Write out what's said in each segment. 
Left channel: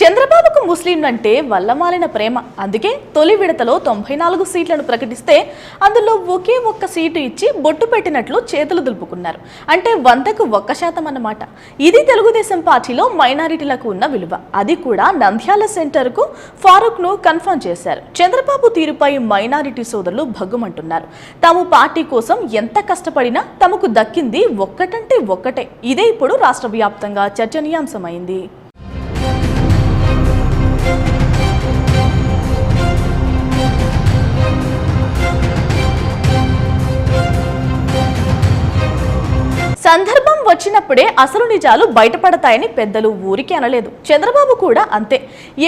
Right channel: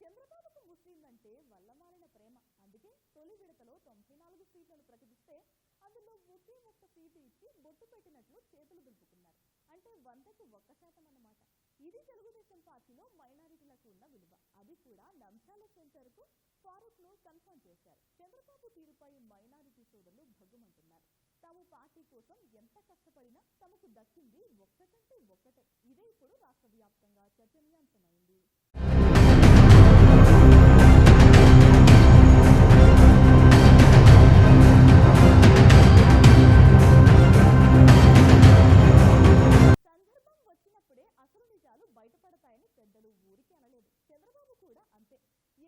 చంద్రబాబుకు ముస్లింలంటే వల్లమాలిన ప్రేమ. అందుకే తొలి విడతలో తొంభై నాలుగు సీట్లను ప్రకటిస్తే అందులో ఒకే ఒక్క సీటు ఇచ్చి బొట్టు పెట్టినట్లు చేతులు దులుపుకున్నారు. అంటే వందకు ఒక్క శాతం అన్నమాట. ఇది తెలుగుదేశం పార్టీలో మైనారిటీలకు ఉన్న విలువ. అది కూడా నంద్యాల సెంటర్కు ఫారూక్ను కన్ఫర్మ్ చేశారు. చంద్రబాబు తీరుపై మైనారిటీ సోదరులు భగ్గుమంటున్నారు. తాము పార్టీ కోసం ఎంత కష్టపడినా తమకు దక్కింది ఒక్కటంటే ఒక్కటే. ఇదే ఇప్పుడు రాష్ట్ర వ్యాప్తంగా చర్చనీయాంశమైంది. సందర్భం వచ్చినప్పుడే అసలు నిజాలు బయటపడతాయని పెద్దలు ఊరికి అనలేదు. చంద్రబాబు కూడా అంతే.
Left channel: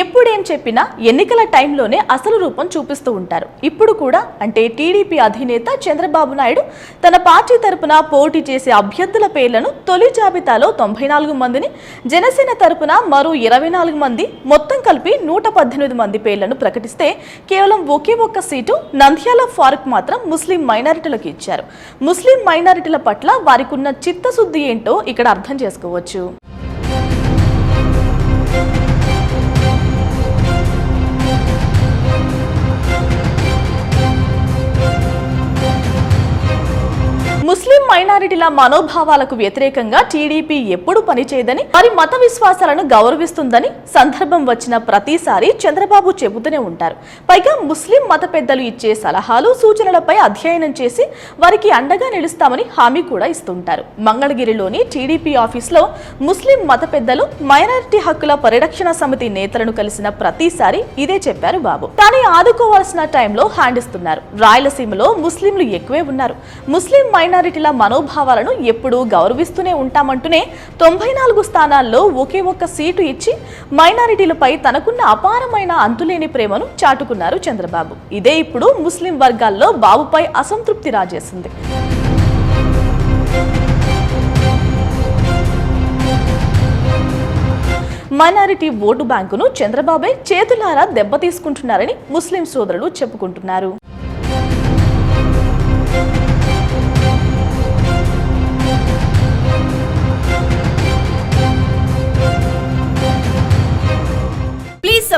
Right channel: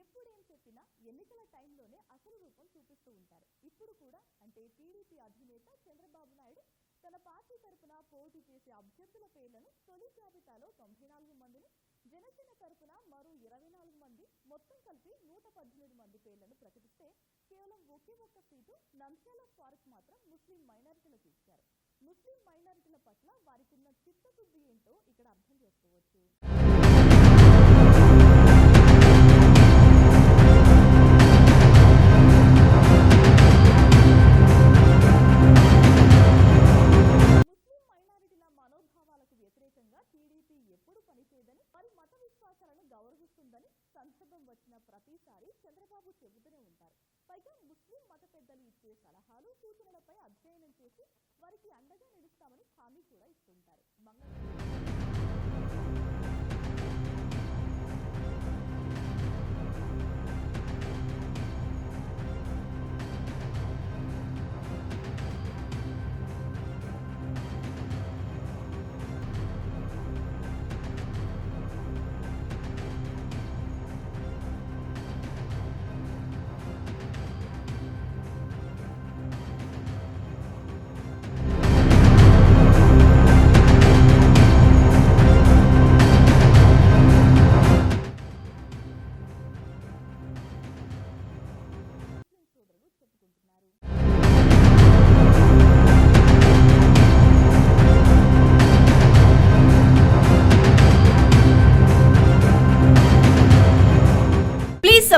ఎప్పుడేం చెప్పినా ఎన్నికల టైంలోనే అసలు రూపం చూపిస్తూ ఉంటారు. ఇప్పుడు కూడా అంటే టీడీపీ అధినేత చంద్రబాబు నాయుడు తన పార్టీ తరపున పోటీ చేసే అభ్యర్థుల పేర్లను తొలి జాబితాలో తొంభై నాలుగు మందిని జనసేన తరపున మరో ఇరవై నాలుగు మంది మొత్తం కలిపి నూట పద్దెనిమిది మంది పేర్లను ప్రకటిస్తే కేవలం ఒకే ఒక్క సీటు నంద్యాల ఫారూక్ మాత్రం ముస్లిం మైనారిటీలకు ఇచ్చారు. ముస్లిం మైనారిటీల పట్ల వారికి చిత్తశుద్ధి ఏంటో ఇక్కడ అర్థం చేసుకోవచ్చు. మైనారిటీల మనోభావాలకు వ్యతిరేకంగా టీడీపీ ఎప్పుడు పనిచేయదని వారి మత విశ్వాసాలను గౌరవిస్తుందని సందర్భం వచ్చిన ప్రతిసారి చంద్రబాబు చెబుతూనే ఉంటారు. పైగా ముస్లిం మత పెద్దలు ఇచ్చే సలహాలు సూచనలపై అధ్యయనం చేసి వారికి అండగా నిలుస్తామని హామీ కూడా ఇస్తుంటారు. మంగళగిరిలోని టీడీపీ ఆఫీస్లో ముస్లిం మత పెద్దలు మైనారిటీ హక్కుల పరిరక్షణ సమితి నేతలను కలిసిన ప్రతిసారి ఇదే చెప్పారు బాబు. కానీ ఆదుకోవాల్సిన టైంలో హ్యాండ్ ఇస్తున్నారు రాయలసీమలో ముస్లింలు ఎక్కువే ఉన్నారు. ముస్లిం మైనారిటీల మనోభావాలను ఎప్పుడూ గౌరవిస్తూనే ఉంటామంటూనే తొంభై నాలుగు స్థానాల్లో ఒకే ఒక్క సీటు ఇచ్చి మైనారిటీలపై తనకున్న అపారమైన అంతులేని ప్రేమను చాటుకున్నారు చంద్రబాబు. ఇదే ఇప్పుడు ముస్లిం వర్గాల్లో బాబుపై అసంతృప్తి రాజేసింది. మైనారిటీ ఓటు బ్యాంకును చంద్రబాబే చేతులారా దెబ్బతీసుకుంటున్నారని ముస్లిం సోదరులు చెప్పుకుంటున్నారు.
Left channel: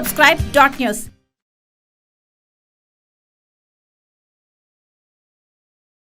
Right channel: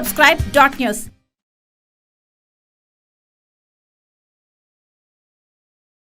Subscribe Dot News.